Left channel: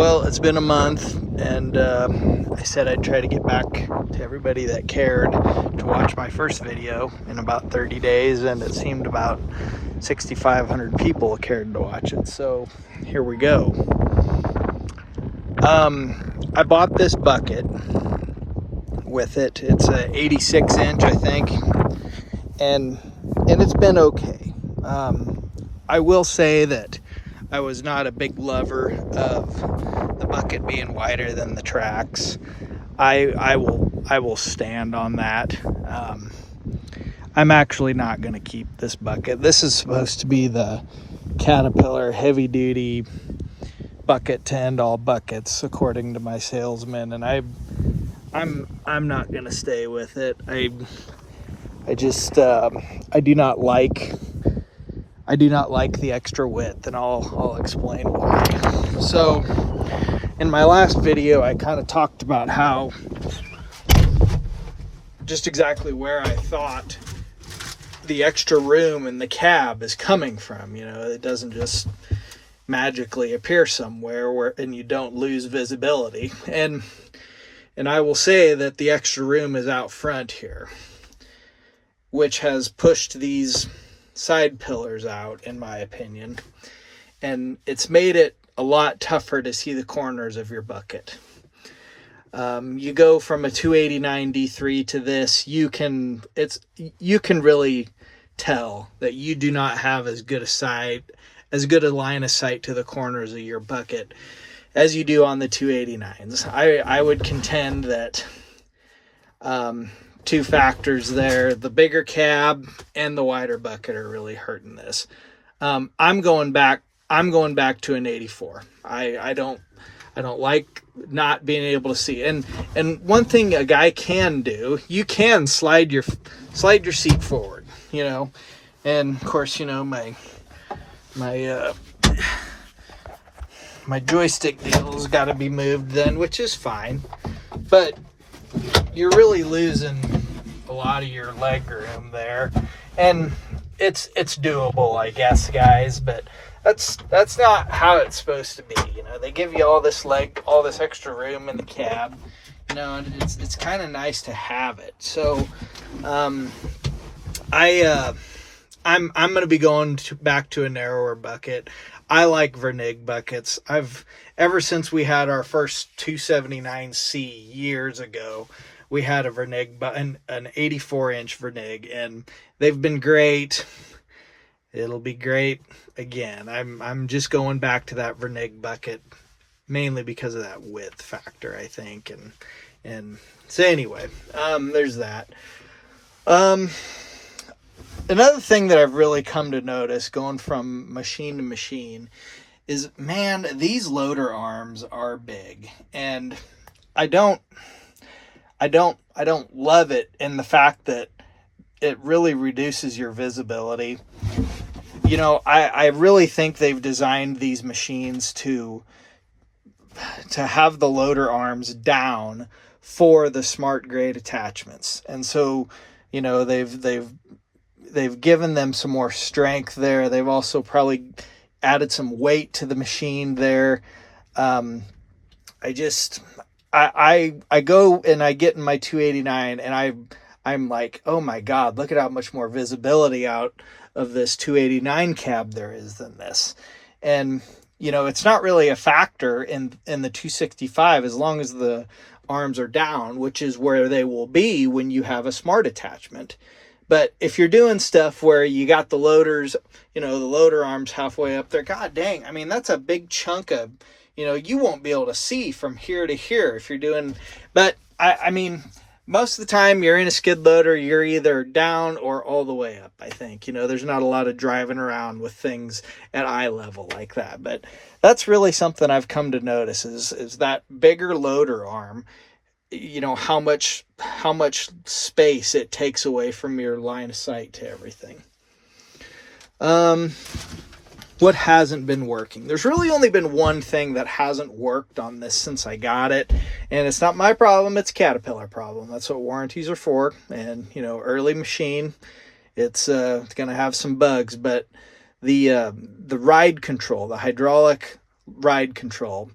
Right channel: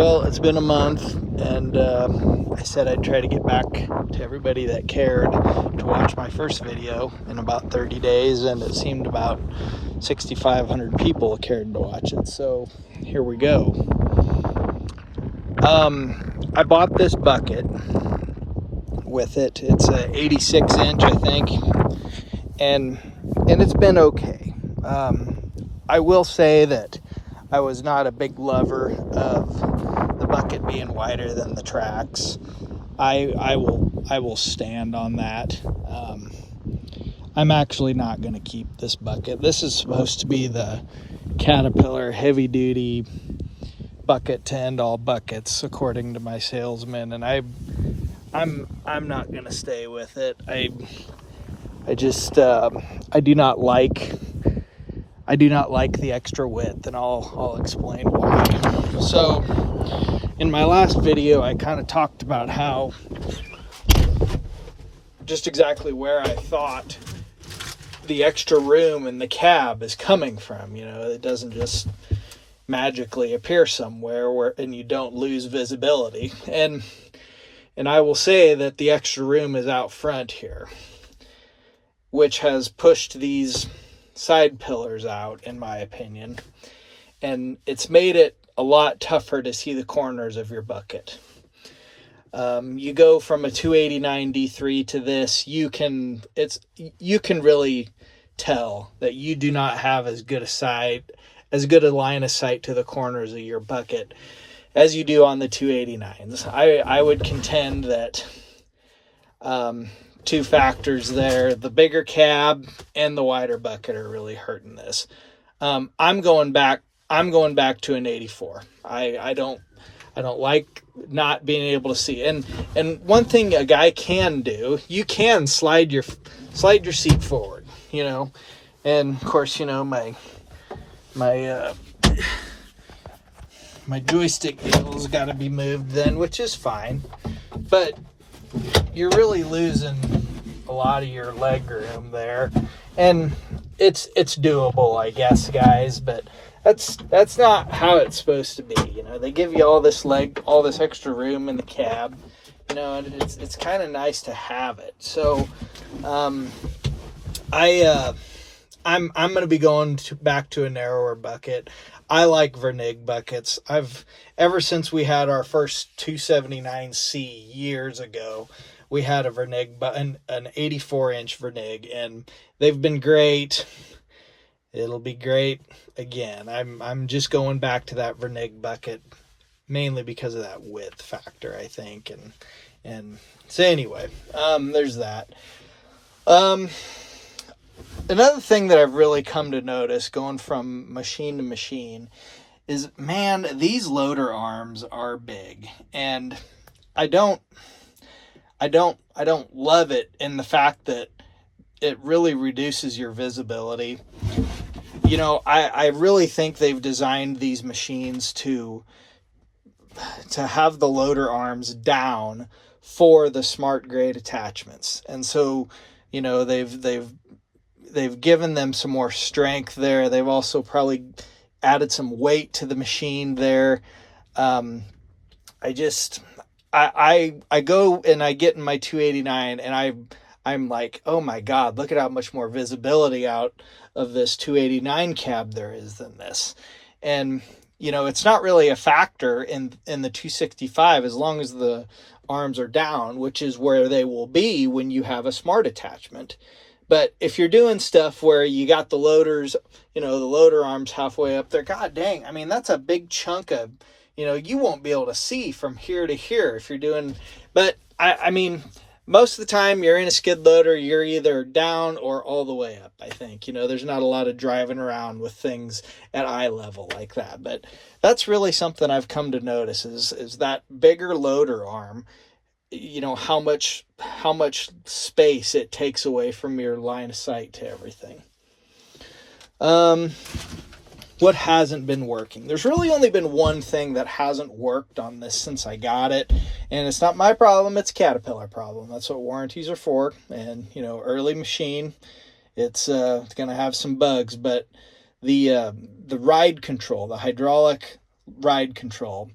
Well, it's been a month, and I said I'd try to get back to everybody that cared to watch my first video in about 30 days, and it seemed about 6,500 people cared to watch it. So here we go. I bought this bucket with it. It's a 86 inch, I think, and it's been okay. I will say that I was not a big lover of the bucket being wider than the tracks. I will stand on that. I'm actually not going to keep this bucket. This is supposed to be the Caterpillar heavy duty bucket to end all buckets, according to my salesman, and I'm not going to stay with it. I do not like the extra width, and I'll explain why. So in my last video, I kind of talked about how just exactly where I thought the extra room in the cab is coming from. You know, it doesn't just magically appear somewhere and you don't lose visibility. And I will say that the extra room is out front here, which has pushed these side pillars out, in my opinion, and it's made it a lot tougher to see the corners of your bucket. You go from a 289 D3 to this, you can really tell that you do not have as good a line of sight to the corners of your bucket as you do on the 289s. I would contend that two factors there: the bigger cab and the wider bucket are really hurting this. I'm going back to an 84. I don't like not being able to see. And one thing a guy can do, you can slide your seat forward, you know. And of course, you know, my joystick deal's got to be moved then, which is fine. But you're really losing a lot of your leg room there, and it's doable, I guess, guys, but that's not how it's supposed to be. You know, they give you all this extra room in the cab, you know, and it's kind of nice to have it. So I'm going to be going back to a narrower bucket. I like Vernig buckets. Ever since we had our first 279C years ago, we had a Vernig, an 84-inch Vernig, and they've been great. It'll be great again. I'm just going back to that Vernig bucket, mainly because of that width factor, I think. And so anyway, there's that. Another thing that I've really come to notice going from machine to machine is, man, these loader arms are big, and I don't love it in the fact that it really reduces your visibility. You know, I really think they've designed these machines to have the loader arms down for the smart grade attachments, and so, you know, they've given them some more strength there. They've also probably added some weight to the machine there. I go and I get in my 289 and I'm like, oh my God, look at how much more visibility out of this 289 cab there is than this. And, you know, it's not really a factor in the 265 as long as the arms are down, which is where they will be when you have a smart attachment. But if you're doing stuff where you got the loaders, you know, the loader arms halfway up there, God dang, I mean, that's a big chunk of, you know, you won't be able to see from here to here if you're doing, but I mean, most of the time you're in a skid loader, you're either down or all the way up, I think. You know, there's not a lot of driving around with things at eye level like that. But that's really something I've come to notice is that bigger loader arm, you know, how much space it takes away from your line of sight to everything. What hasn't been working? There's really only been one thing that hasn't worked on this since I got it, and it's not my problem, it's a Caterpillar problem. That's what warranties are for. And, you know, early machine, it's going to have some bugs, but the ride control, the hydraulic ride control,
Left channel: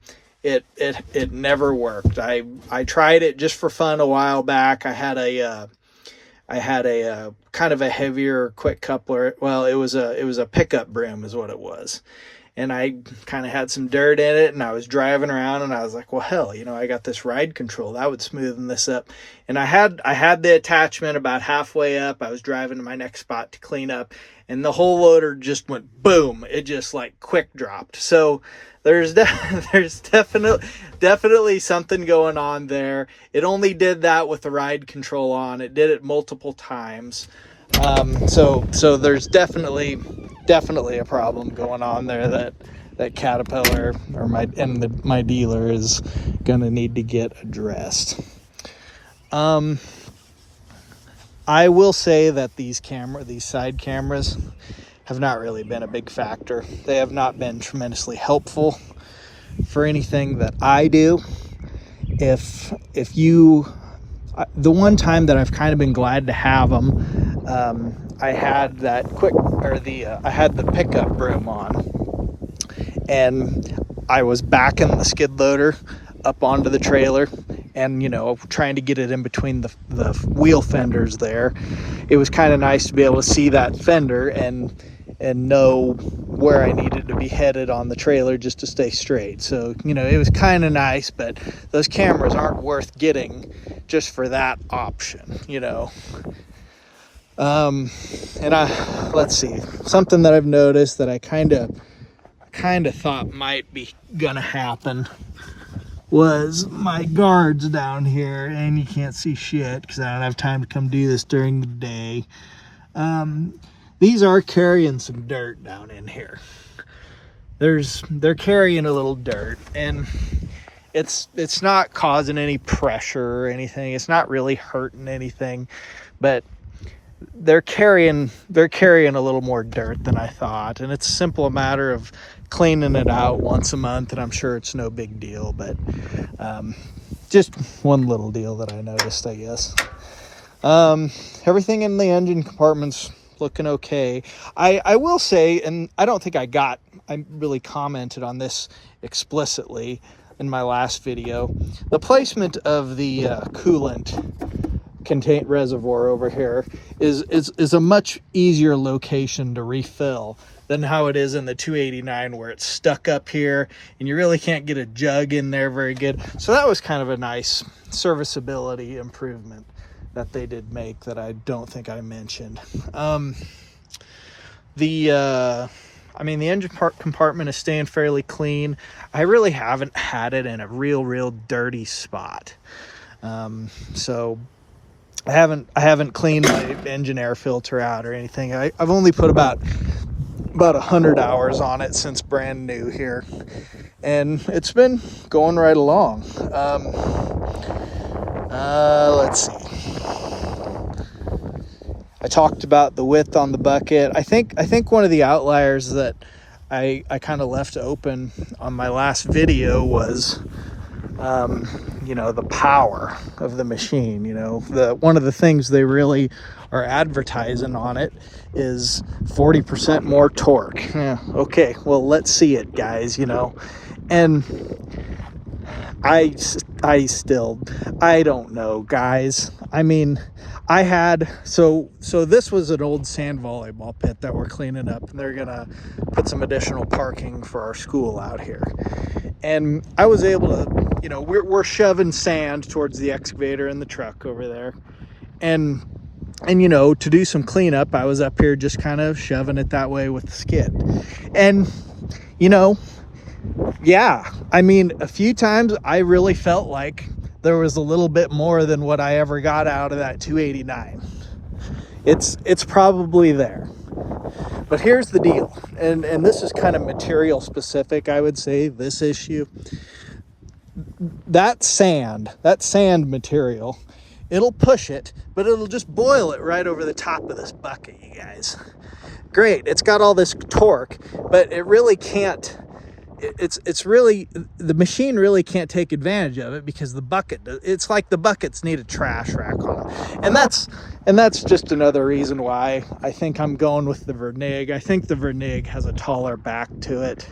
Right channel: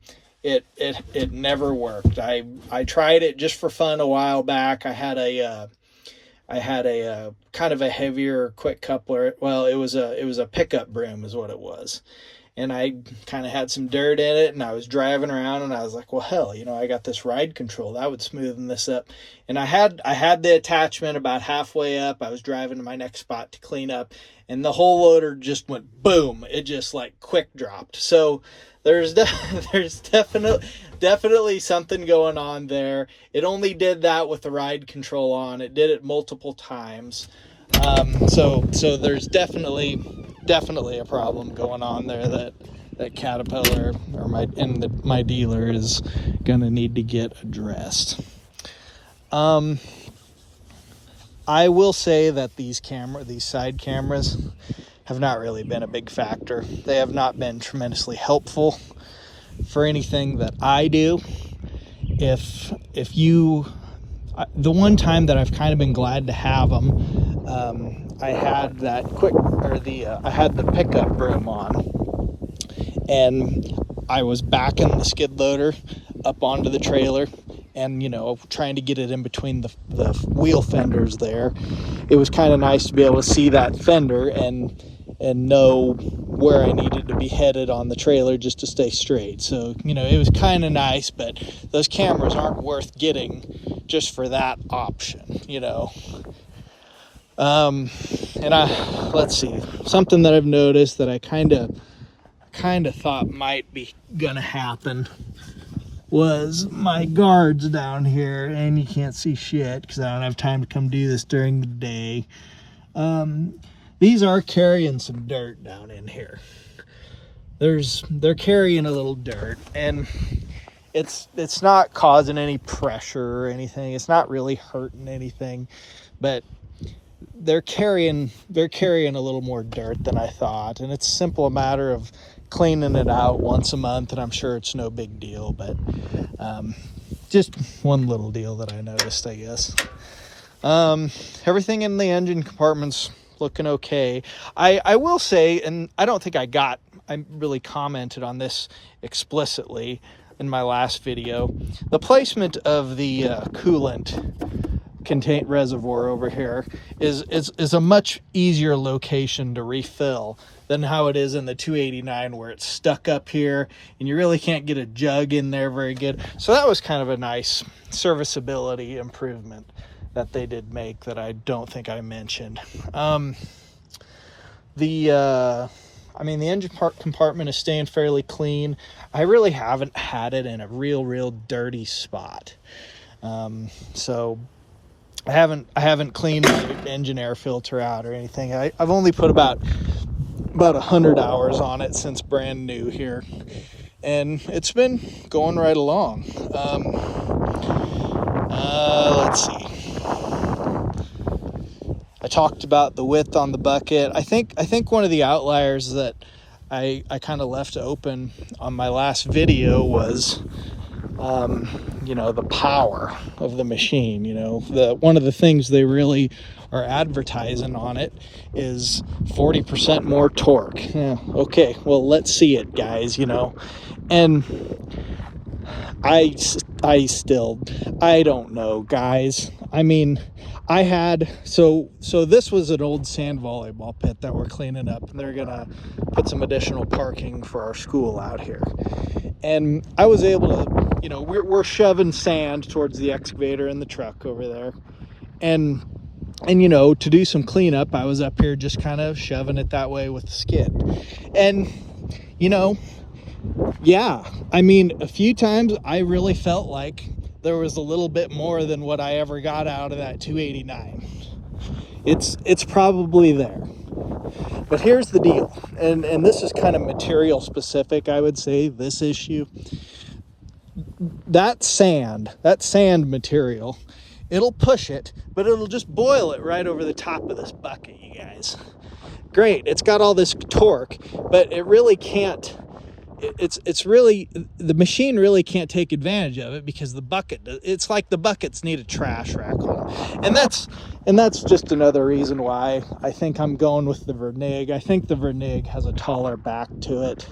it never worked. I tried it just for fun a while back. I had a kind of a heavier quick coupler. Well, it was a pickup broom is what it was. And I kind of had some dirt in it, and I was driving around, and I was like, well, hell, I got this ride control. That would smoothen this up. And I had the attachment about halfway up. I was driving to my next spot to clean up, and the whole loader just went boom. It just like quick dropped. So there's definitely something going on there. It only did that with the ride control on. It did it multiple times. So there's definitely a problem going on there that Caterpillar or my dealer is gonna need to get addressed. I will say that these side cameras have not really been a big factor. They have not been tremendously helpful for anything that I do. If you the one time that I've kind of been glad to have them, I had that I had the pickup broom on, and I was backing the skid loader up onto the trailer, and trying to get it in between the wheel fenders there. It was kind of nice to be able to see that fender and know where I needed to be headed on the trailer just to stay straight. So it was kind of nice, but those cameras aren't worth getting just for that option. Let's see, something that I've noticed that I kind of thought might be gonna happen was my guards down here, and you can't see shit because I don't have time to come do this during the day. These are carrying some dirt down in here. They're carrying a little dirt, and it's not causing any pressure or anything. It's not really hurting anything, but they're carrying a little more dirt than I thought, and it's a simple matter of cleaning it out once a month, and I'm sure it's no big deal, but just one little deal that I noticed, I guess. Everything in the engine compartment's looking okay. I will say, and I don't think I really commented on this explicitly in my last video, the placement of the coolant contain reservoir over here is a much easier location to refill than how it is in the 289, where it's stuck up here and you really can't get a jug in there very good. So that was kind of a nice serviceability improvement that they did make that I don't think I mentioned. The engine compartment is staying fairly clean. I really haven't had it in a real dirty spot. So I haven't cleaned my engine air filter out or anything. I've only put about 100 hours on it since brand new here, and it's been going right along. Let's see. I talked about the width on the bucket. I think one of the outliers that I kind of left open on my last video was the power of the machine. One of the things they really are advertising on it is 40% more torque. Yeah, okay, well, let's see it, guys. And I don't know, guys. I had, so this was an old sand volleyball pit that we're cleaning up, and they're gonna put some additional parking for our school out here. And I was able to, we're shoving sand towards the excavator in the truck over there, and to do some cleanup, I was up here just kind of shoving it that way with the skid. And yeah, a few times I really felt like there was a little bit more than what I ever got out of that 289. It's probably there. But here's the deal, and this is kind of material specific, I would say, this issue. That sand material, it'll push it, but it'll just boil it right over the top of this bucket, you guys. Great, it's got all this torque, but it really can't, it's really, the machine really can't take advantage of it because it's like the buckets need a trash rack on them. And that's just another reason why I think I'm going with the Vernig. I think the Vernig has a taller back to it.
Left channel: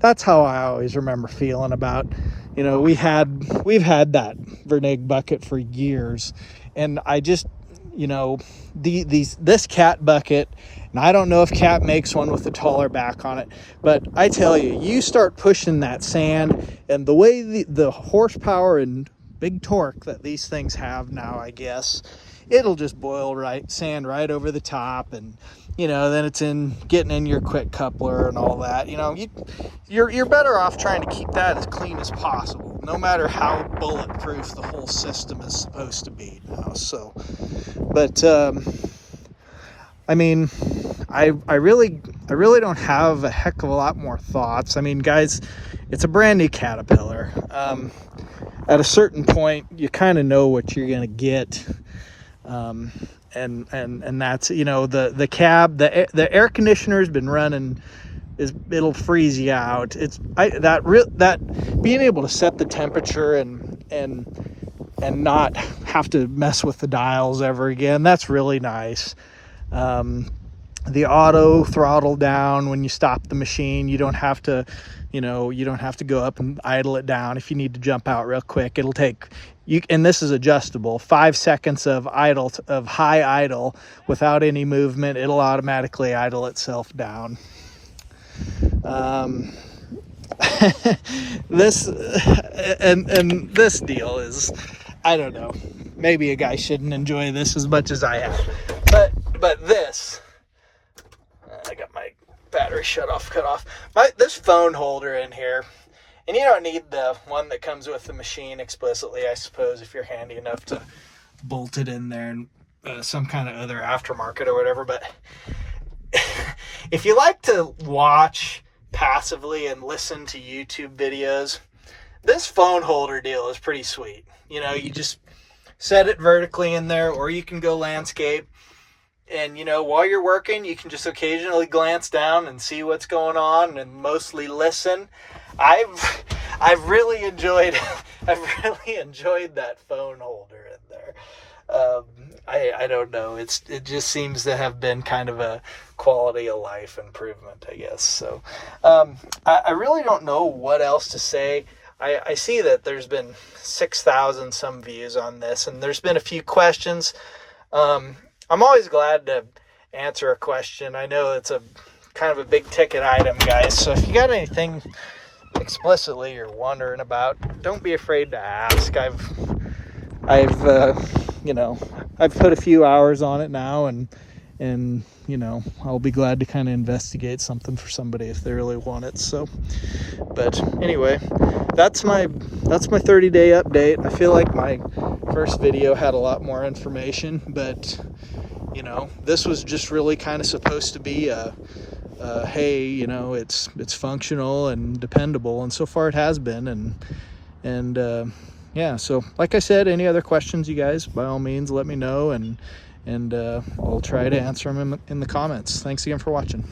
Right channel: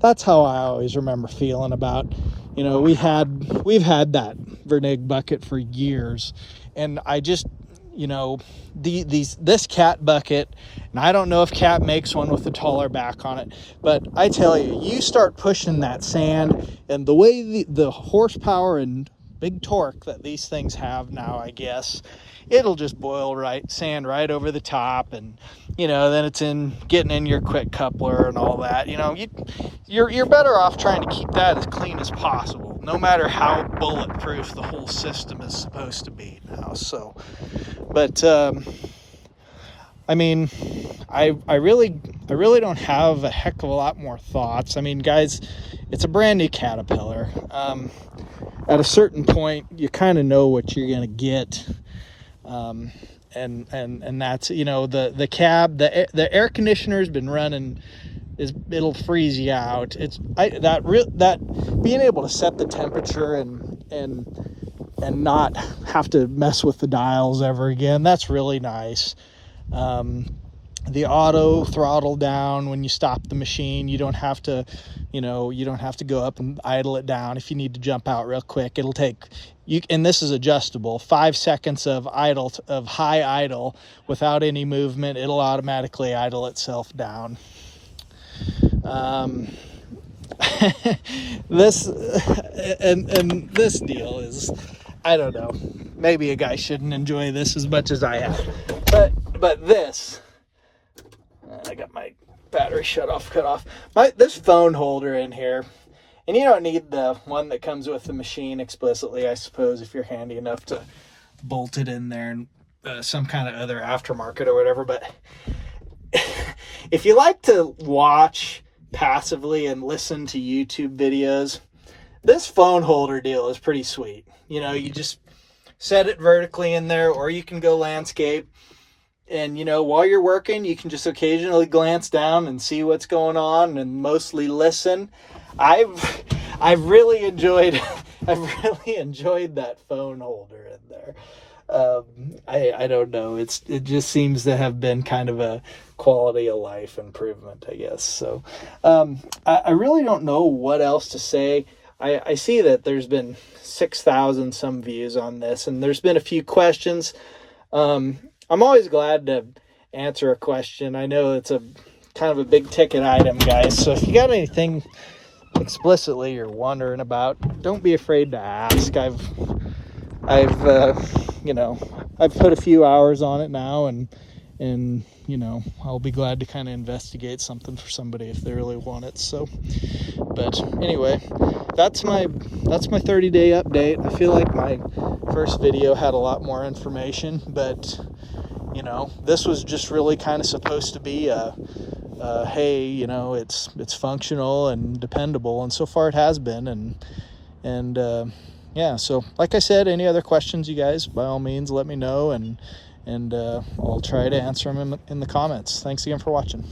that's how I always remember feeling about, you know, we've had that Vernig bucket for years, and I just, you know, this Cat bucket, and I don't know if Cat makes one with the taller back on it, but I tell you, you start pushing that sand, and the way the horsepower and big torque that these things have now, I guess, it'll just boil sand right over the top, and you know, then it's getting in your quick coupler and all that. You know, you're better off trying to keep that as clean as possible, no matter how bulletproof the whole system is supposed to be now. So, but I mean, I really don't have a heck of a lot more thoughts. I mean, guys, it's a brand new Caterpillar. At a certain point, you kind of know what you're gonna get. And that's, you know, the cab, the air conditioner has been running, it'll freeze you out. That being able to set the temperature and not have to mess with the dials ever again, that's really nice. The auto throttle down when you stop the machine, you don't have to, you know, you don't have to go up and idle it down. If you need to jump out real quick, it'll take you, and this is adjustable, 5 seconds of high idle without any movement, it'll automatically idle itself down. This and this deal is, I don't know, maybe a guy shouldn't enjoy this as much as I am, but this, I got my battery cut off. This phone holder in here, and you don't need the one that comes with the machine explicitly, I suppose, if you're handy enough to bolt it in there and some kind of other aftermarket or whatever. But if you like to watch passively and listen to YouTube videos, this phone holder deal is pretty sweet. You know, you just set it vertically in there, or you can go landscape. And, you know, while you're working, you can just occasionally glance down and see what's going on and mostly listen. I've really enjoyed that phone holder in there. I don't know. It just seems to have been kind of a quality of life improvement, I guess. So I really don't know what else to say. I see that there's been 6,000 some views on this, and there's been a few questions. I'm always glad to answer a question. I know it's a kind of a big ticket item, guys. So if you got anything explicitly you're wondering about, don't be afraid to ask. I've you know, I've put a few hours on it now, and you know, I'll be glad to kind of investigate something for somebody if they really want it. So, but anyway, that's my 30-day update. I feel like my first video had a lot more information, but you know, this was just really kind of supposed to be hey, you know, it's functional and dependable, and so far it has been. And yeah, so like I said, any other questions, you guys, by all means, let me know, and I'll try to answer them in the comments. Thanks again for watching.